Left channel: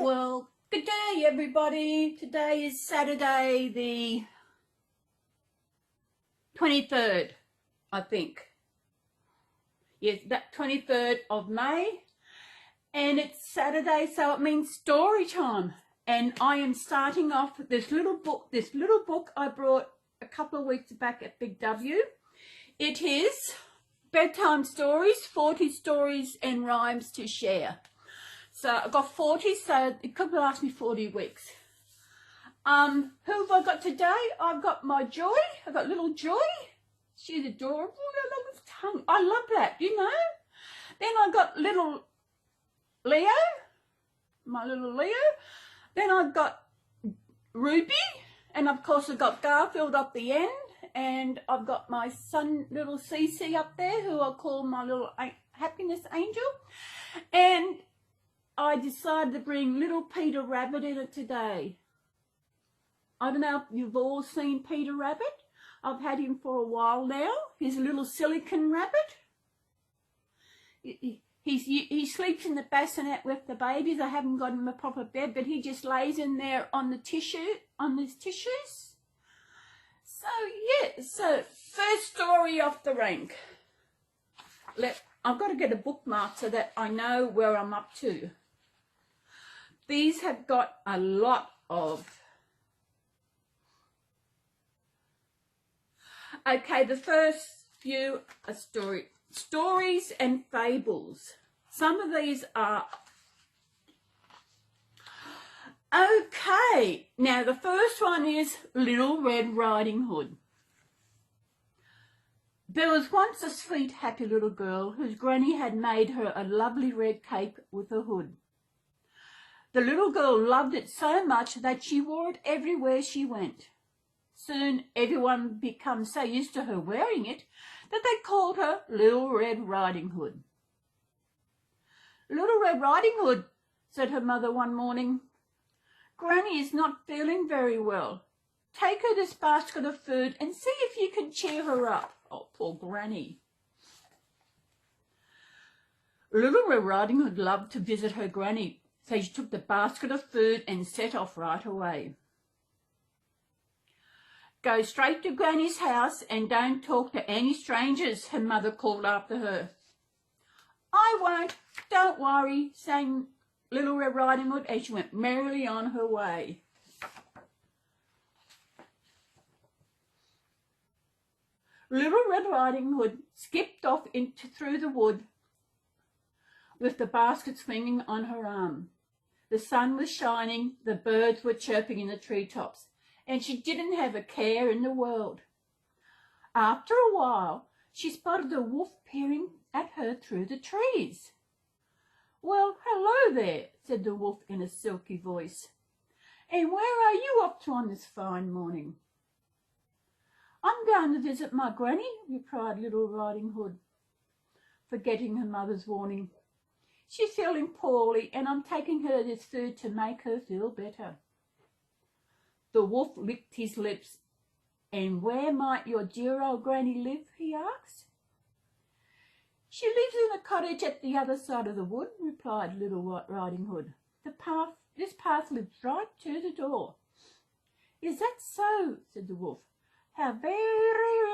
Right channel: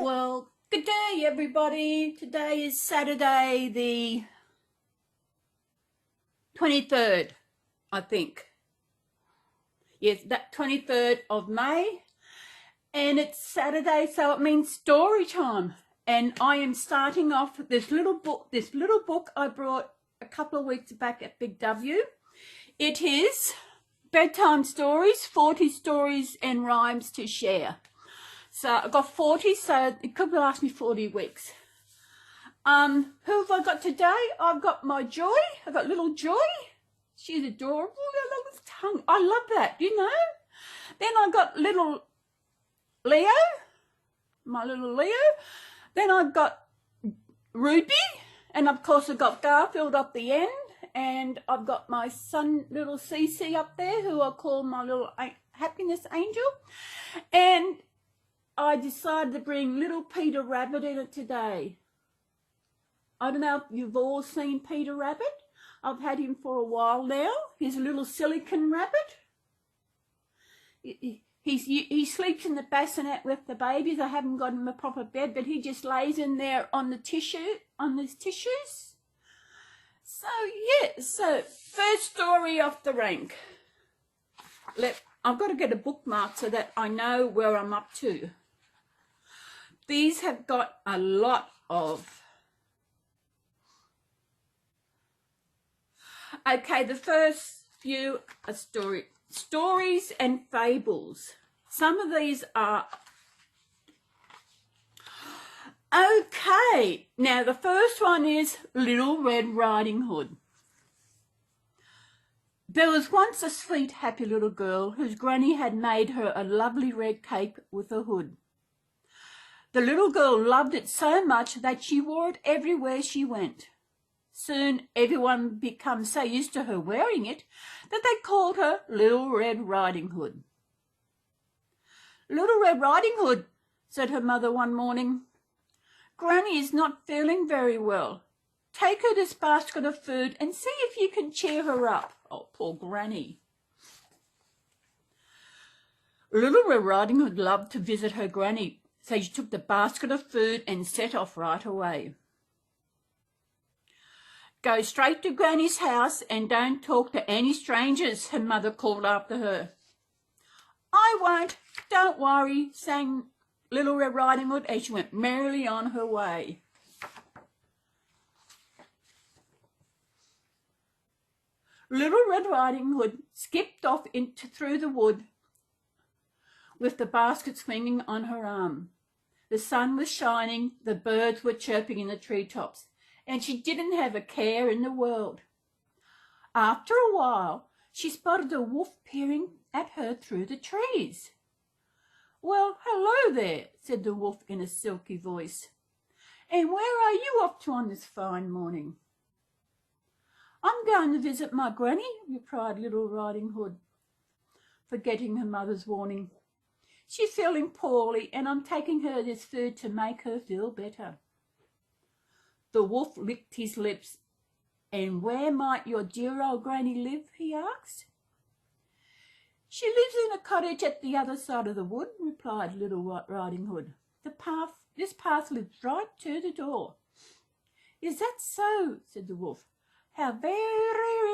Well, good day everybody. Today is Saturday the 23rd, I think. Yes, that 23rd of May. And it's Saturday, so it means story time. And I am starting off with this little book I brought a couple of weeks back at Big W. It is Bedtime Stories, 40 Stories and Rhymes to Share. So I've got 40, so it could last me 40 weeks. Who have I got today? I've got my Joy. I've got little Joy. She's adorable. I love his tongue. I love that, you know. Then I've got little Leo, my little Leo. Then I've got Ruby, and of course I've got Garfield up the end, and I've got my son, little Cece, up there, who I call my little happiness angel. And I decided to bring little Peter Rabbit in it today. I don't know if you've all seen Peter Rabbit. I've had him for a while now. He's a little silicon rabbit. He sleeps in the bassinet with the babies. I haven't got him a proper bed, but he just lays in there on the his tissues. So yeah, so first story off the rank. I've got to get a bookmark so that I know where I'm up to. These have got a lot of. Okay, the first few are stories and fables. Some of these are okay. Now the first one is Little Red Riding Hood. There was once a sweet, happy little girl whose granny had made her a lovely red cape with a hood. The little girl loved it so much that she wore it everywhere she went. Soon everyone became so used to her wearing it that they called her Little Red Riding Hood. Little Red Riding Hood, said her mother one morning, Granny is not feeling very well. Take her this basket of food and see if you can cheer her up. Oh, poor Granny. Little Red Riding Hood loved to visit her granny, so she took the basket of food and set off right away. Go straight to Granny's house and don't talk to any strangers, her mother called after her. I won't, don't worry, sang Little Red Riding Hood as she went merrily on her way. Little Red Riding Hood skipped off through the wood with the basket swinging on her arm. The sun was shining, the birds were chirping in the treetops, and she didn't have a care in the world. After a while, she spotted a wolf peering at her through the trees. Well, hello there, said the wolf in a silky voice. And where are you off to on this fine morning? I'm going to visit my granny, replied Little Riding Hood, forgetting her mother's warning. She's feeling poorly, and I'm taking her this food to make her feel better. The wolf licked his lips. And where might your dear old granny live? He asked. She lives in a cottage at the other side of the wood, replied Little Riding Hood. This path leads right to the door. Is that so? Said the wolf. How very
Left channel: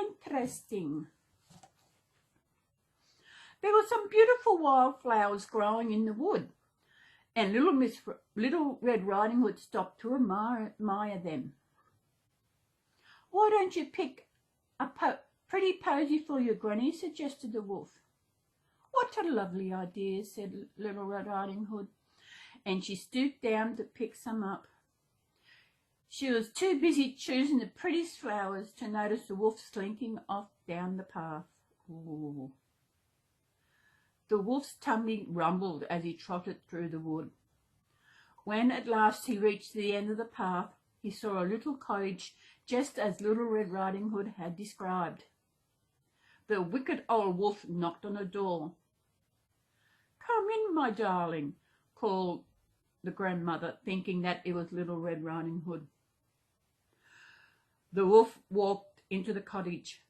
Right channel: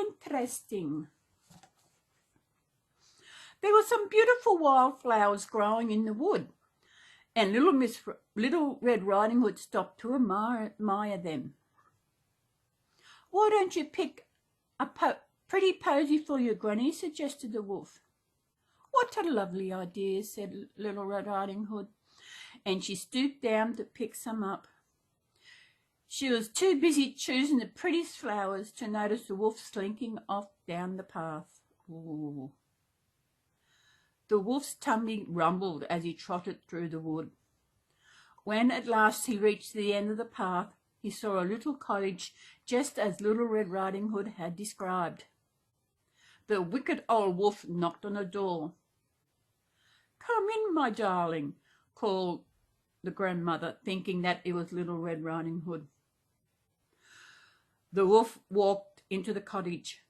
interesting. There were some beautiful wildflowers growing in the wood, and Little Red Riding Hood stopped to admire them. Why don't you pick a pretty posy for your granny, suggested the wolf. What a lovely idea, said Little Red Riding Hood, and she stooped down to pick some up. She was too busy choosing the prettiest flowers to notice the wolf slinking off down the path. Ooh. The wolf's tummy rumbled as he trotted through the wood. When at last he reached the end of the path, he saw a little cottage just as Little Red Riding Hood had described. The wicked old wolf knocked on the door. Come in, my darling, called the grandmother, thinking that it was Little Red Riding Hood. The wolf walked into the cottage.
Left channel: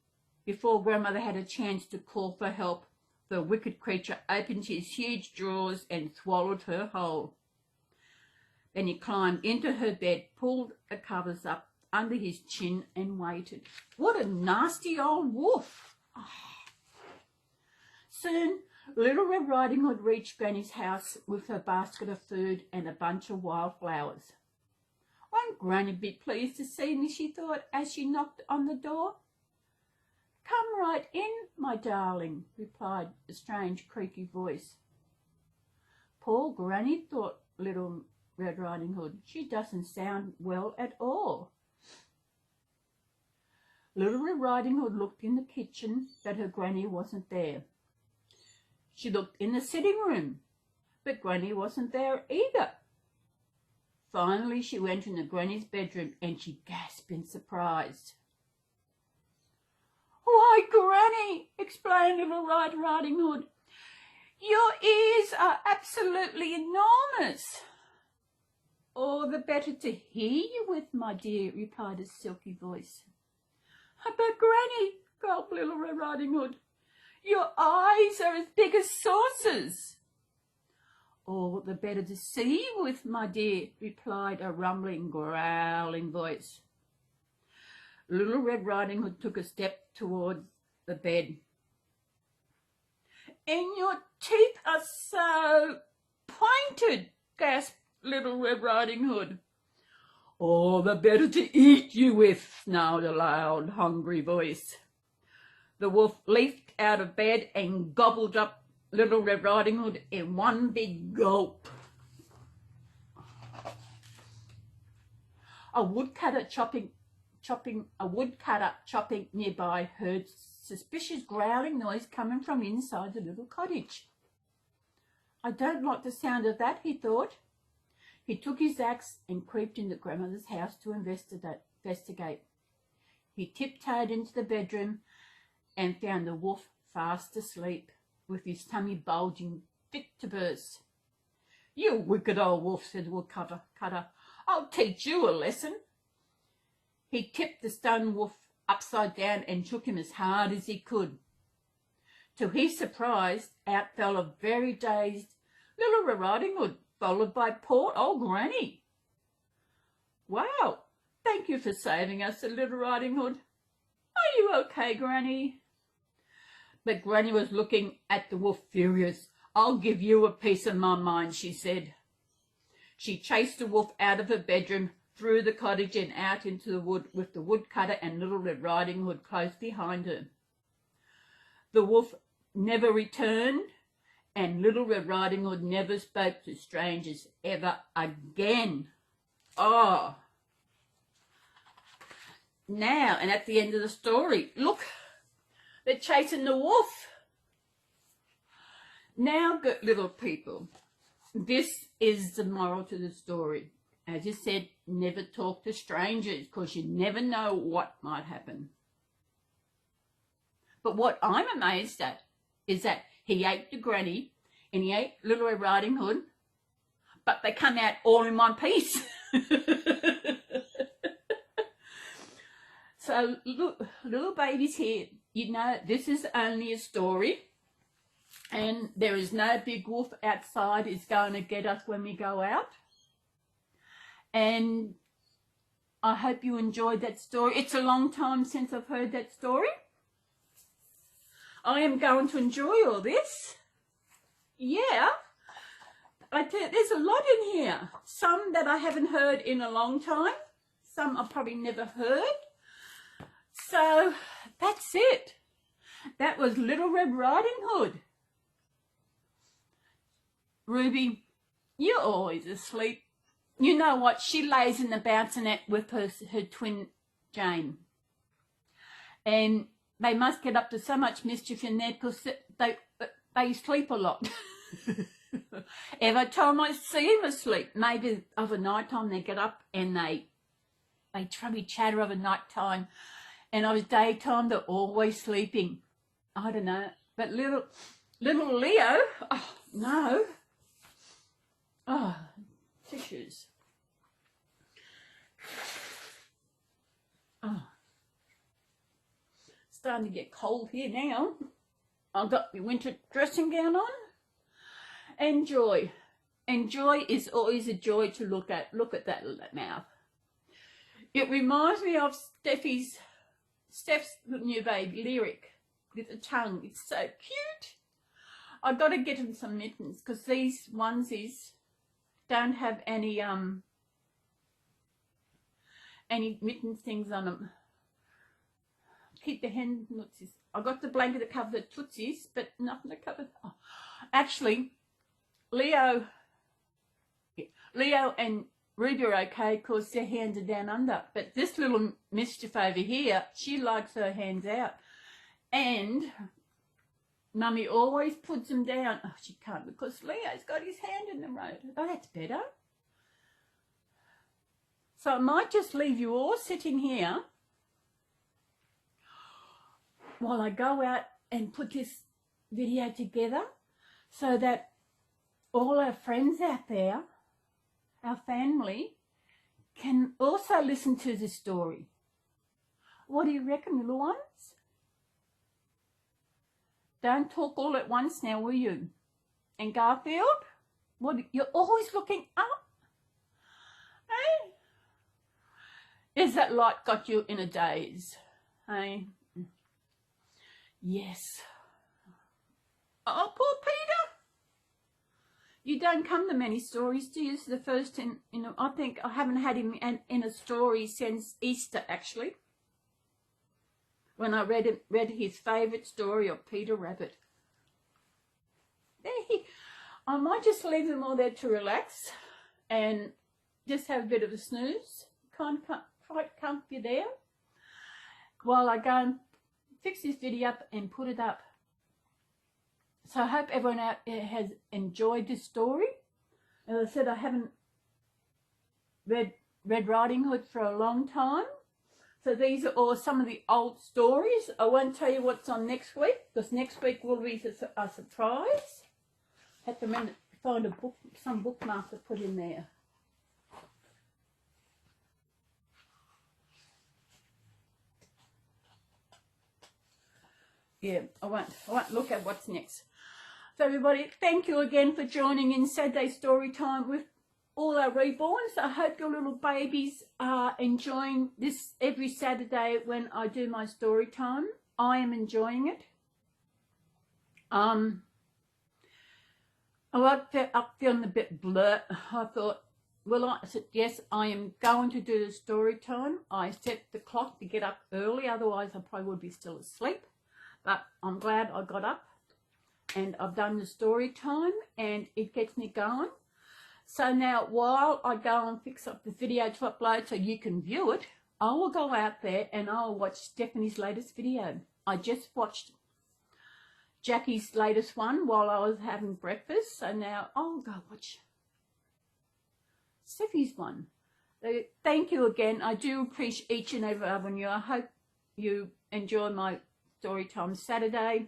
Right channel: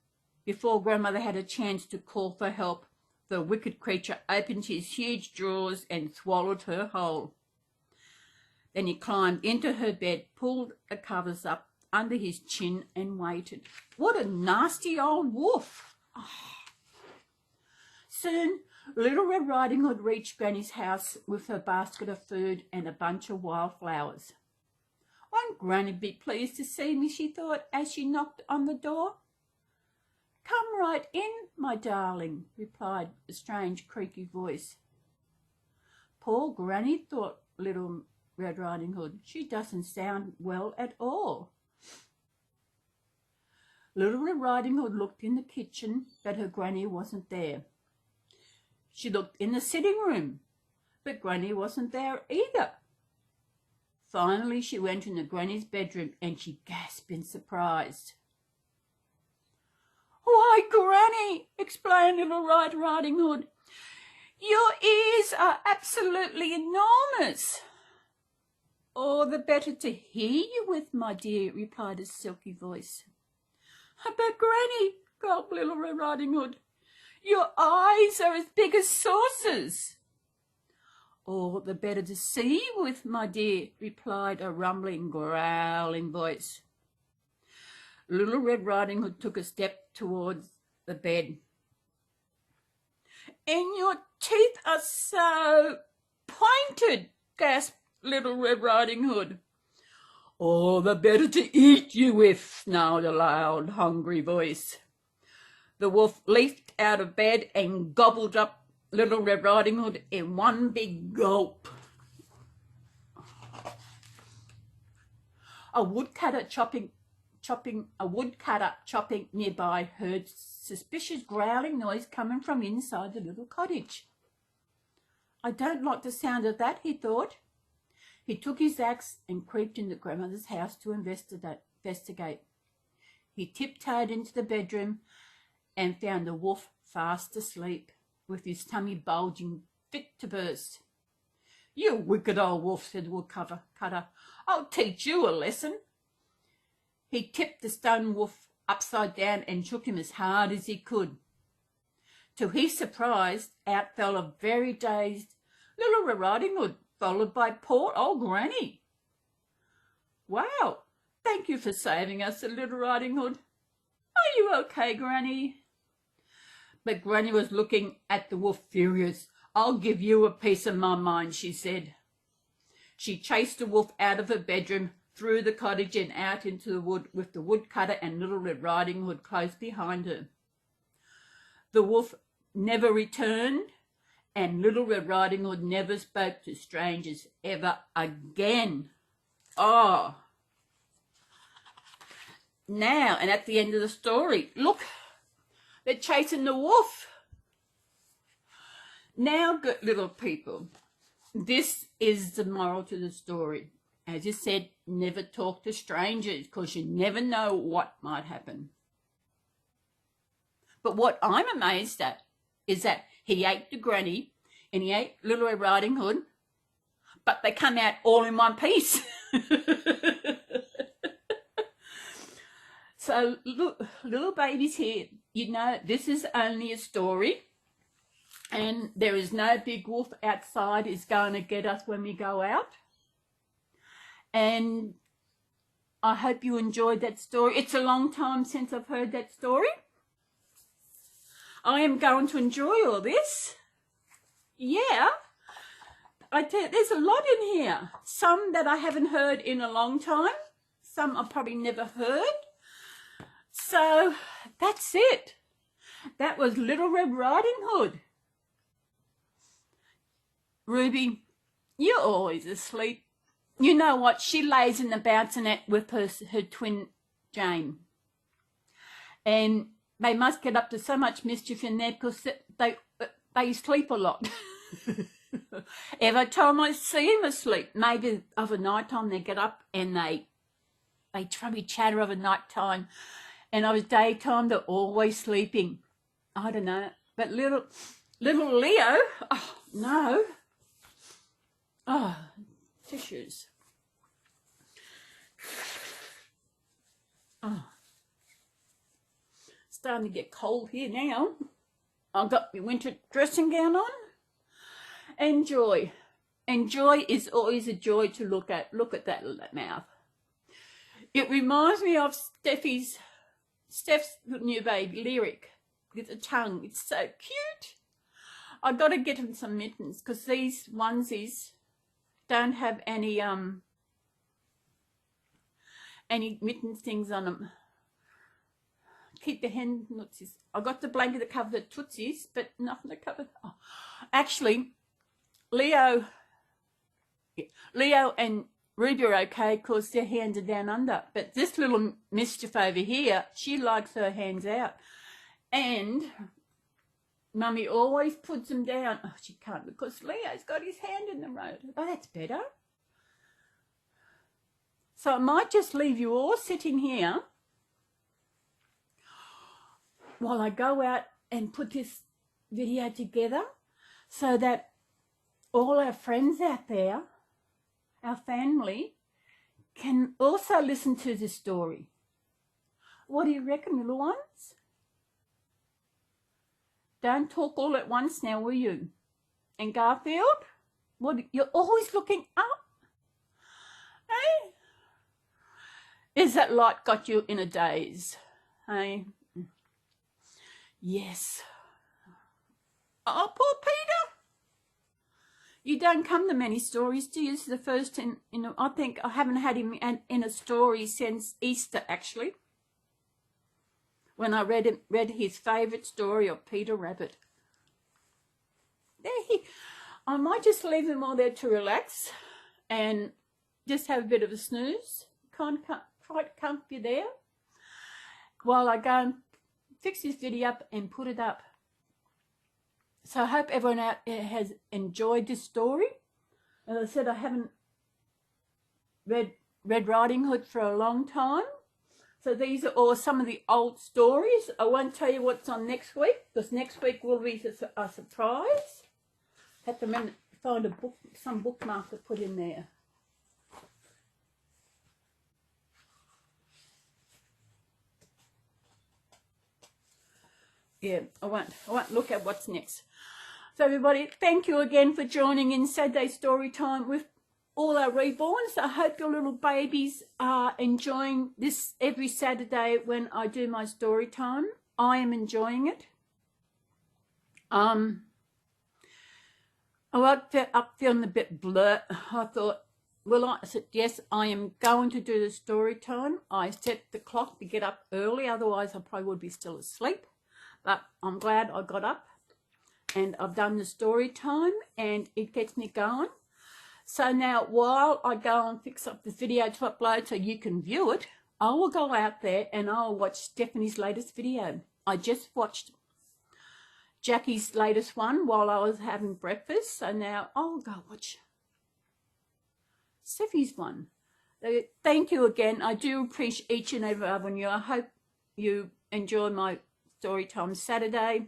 Before Grandmother had a chance to call for help, the wicked creature opened his huge jaws and swallowed her whole. Then he climbed into her bed, pulled the covers up under his chin and waited. What a nasty old wolf! Soon, Little Red Riding Hood reached Granny's house with her basket of food and a bunch of wildflowers. Won't Granny be pleased to see me, she thought, as she knocked on the door. Come right in, my darling, replied a strange creaky voice. Poor Granny, thought Little Red Riding Hood. She doesn't sound well at all. Little Red Riding Hood looked in the kitchen, but her Granny wasn't there. She looked in the sitting room, but Granny wasn't there either. Finally, she went into Granny's bedroom and she gasped in surprise. Why, Granny, explained Little Red Riding Hood, your ears are absolutely enormous. All the better to hear you with, my dear, replied a silky voice. But Granny, gulped Little Red Riding Hood, your eyes are as big as saucers. All the better to see you with, my dear, replied a rumbling, growling voice. Little Red Riding Hood took a step towards the bed. And your teeth are so pointed, gasped Little Red Riding Hood. All the better to eat you with, snarled a loud, hungry voice. The wolf leaped out of bed and gobbled up Little Red Riding Hood in one big gulp. A woodcutter chopping nearby heard suspicious growling noise coming from inside the little cottage. I don't like the sound of that, he thought. He took his axe and creeped into Grandmother's house to investigate. He tiptoed into the bedroom and found the wolf fast asleep, with his tummy bulging fit to burst. You wicked old wolf, said the woodcutter. I'll teach you a lesson. He tipped the stone wolf upside down and shook him as hard as he could. To his surprise, out fell a very dazed Little Red Riding Hood, followed by poor old Granny. Wow, thank you for saving us, said Little Riding Hood. Are you okay, Granny? But Granny was looking at the wolf furious. I'll give you a piece of my mind, she said. She chased the wolf out of her bedroom, through the cottage and out into the wood, with the woodcutter and Little Red Riding Hood close behind her. The wolf never returned, and Little Red Riding Hood never spoke to strangers ever again. Oh. Now, and at the end of the story, look, they're chasing the wolf. Now, good little people, this is the moral to the story. As you said, never talk to strangers because you never know what might happen. But what I'm amazed at is that he ate the Granny and he ate Little Red Riding Hood, but they come out all in one piece. So, look, little babies here, you know, this is only a story, and there is no big wolf outside is going to get us when we go out. And I hope you enjoyed that story. It's a long time since I've heard that story. I am going to enjoy all this. Yeah. I tell you, there's a lot in here. Some that I haven't heard in a long time. Some I've probably never heard. So that's it. That was Little Red Riding Hood. Ruby, you're always asleep. You know what? She lays in the bouncing with her twin Jane. And they must get up to so much mischief in there because they sleep a lot. Every time I see them asleep, maybe of a night time they get up and they probably chatter of a night time. And of a daytime they're always sleeping. I don't know. But little Leo, oh no. Oh, tissues. Oh. starting to get cold here now. I've got my winter dressing gown on. And joy. And joy is always a joy to look at. Look at that mouth. It reminds me of Steph's new baby, Lyric, with the tongue. It's so cute. I've got to get him some mittens because these onesies don't have any mitten things on them. Keep the hen tootsies. I got the blanket to cover the tootsies, but nothing to cover. Oh. Actually, Leo and Ruby are okay because their hands are down under. But this little mischief over here, she likes her hands out. And Mummy always puts them down. Oh, she can't because Leo's got his hand in the road. Oh, that's better. So I might just leave you all sitting here while I go out and put this video together so that all our friends out there, our family, can also listen to the story. What do you reckon, little ones? Don't talk all at once now, will you? And Garfield, what? You're always looking up. Hey? Is that light got you in a daze? Hey? Yes. Oh, poor Peter. You don't come to many stories, do you? This is the first in, I think I haven't had him in a story since Easter, actually. When I read his favourite story of Peter Rabbit. I might just leave them all there to relax and just have a bit of a snooze. Quite comfy there. While I go and fix this video up and put it up. So I hope everyone out there has enjoyed this story. As I said, I haven't read Red Riding Hood for a long time. So these are all some of the old stories. I won't tell you what's on next week because next week will be a surprise. Have to find a book, some bookmark to put in there. Yeah, I won't look at what's next. So everybody, thank you again for joining in Saturday Story Time with all our reborns. I hope your little babies are enjoying this every Saturday when I do my story time. I am enjoying it. I up feeling a bit blur. I thought, I said, yes, I am going to do the story time. I set the clock to get up early, otherwise I probably would be still asleep. But I'm glad I got up and I've done the story time and it gets me going. So now while I go and fix up this video to upload so you can view it, I will go out there and I'll watch Stephanie's latest video. I just watched Jackie's latest one while I was having breakfast. So now I'll go watch Steffi's one. So thank you again. I do appreciate each and every one of you. I hope you enjoy my story time Saturday.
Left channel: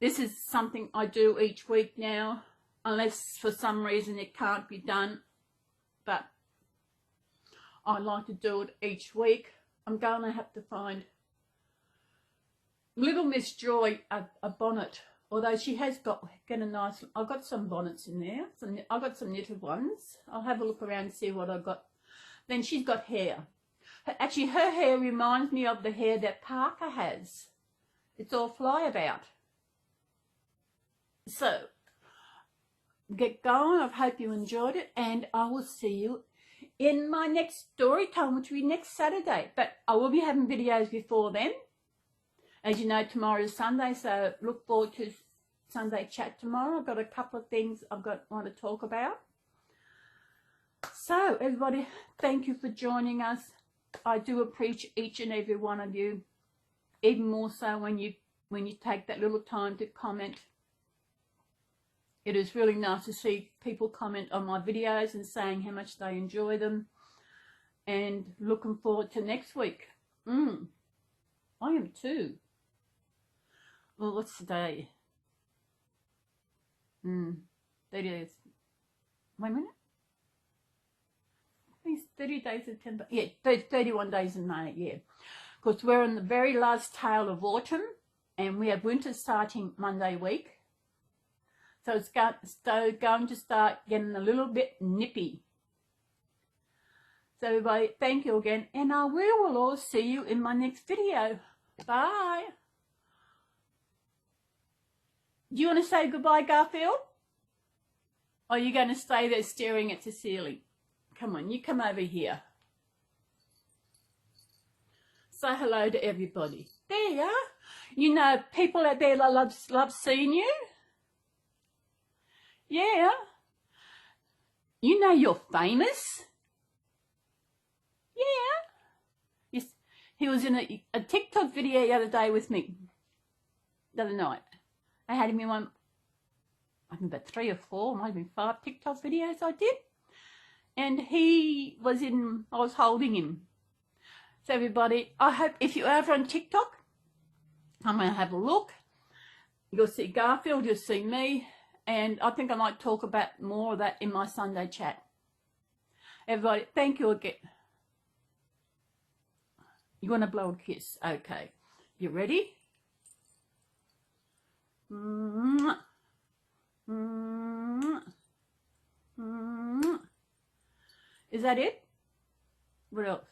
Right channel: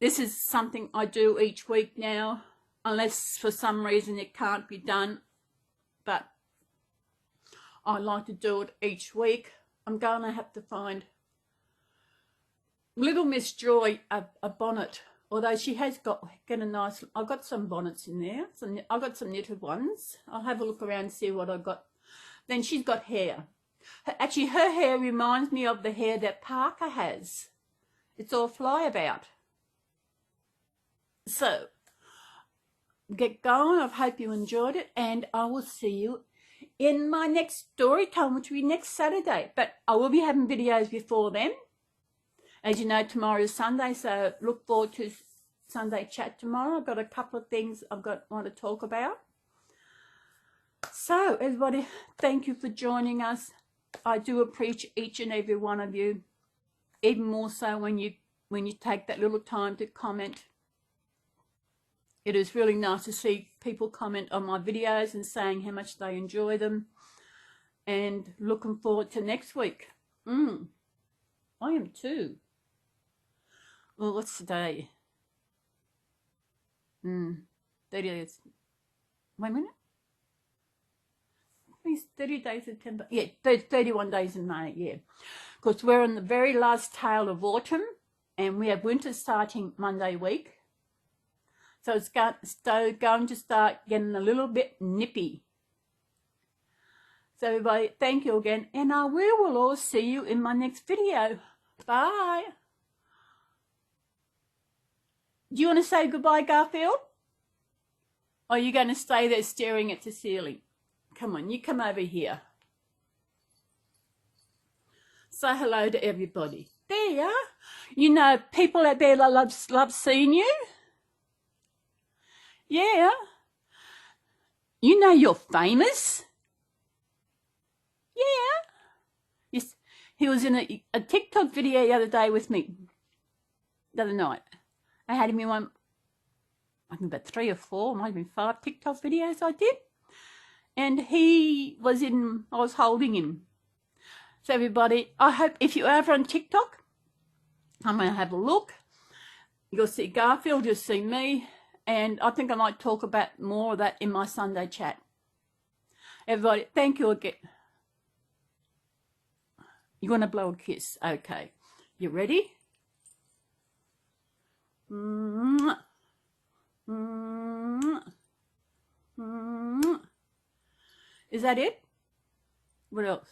This is something I do each week now, unless for some reason it can't be done, but I like to do it each week. I'm going to have to find Little Miss Joy a bonnet, although she has got a nice, I've got some bonnets in there. I've got some knitted ones. I'll have a look around and see what I've got. Then she's got hair. Actually, her hair reminds me of the hair that Parker has. It's all flyabout. So, get going. I hope you enjoyed it, and I will see you in my next story time, which will be next Saturday. But I will be having videos before then. As you know, tomorrow is Sunday, so look forward to Sunday chat tomorrow. I've got a couple of things want to talk about. So, everybody, thank you for joining us. I do appreciate each and every one of you, even more so when you take that little time to comment. It is really nice to see people comment on my videos and saying how much they enjoy them, and looking forward to next week. I am too. Well, what's today? 30 days. Wait a minute. These 30 days of September. Yeah, 31 days in May, yeah. because we're in the very last tail of autumn and we have winter starting Monday week. So it's going to start getting a little bit nippy. So everybody, thank you again, and we will all see you in my next video. Bye. Do you want to say goodbye, Garfield? Or are you going to stay there staring at the ceiling? Come on, you come over here. Say hello to everybody. There you are. You know, people out there that love seeing you. Yeah. You know you're famous. Yeah. Yes. He was in a TikTok video the other day with me. The other night. I had him in one, I think about 3 or 4, might have been 5 TikTok videos I did. And he was in, I was holding him. So everybody, I hope if you're over on TikTok, I'm going to have a look. You'll see Garfield, you'll see me. And I think I might talk about more of that in my Sunday chat. Everybody, thank you again. You want to blow a kiss? Okay. You ready? Is that it? What else?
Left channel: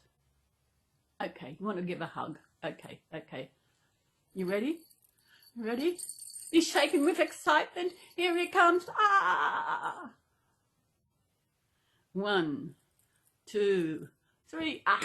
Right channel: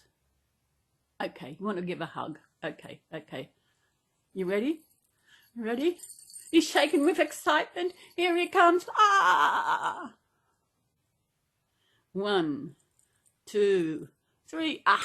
Okay, you want to give a hug? Okay. You ready? Ready? He's shaking with excitement. Here he comes. Ah! 1, 2, 3. Ah!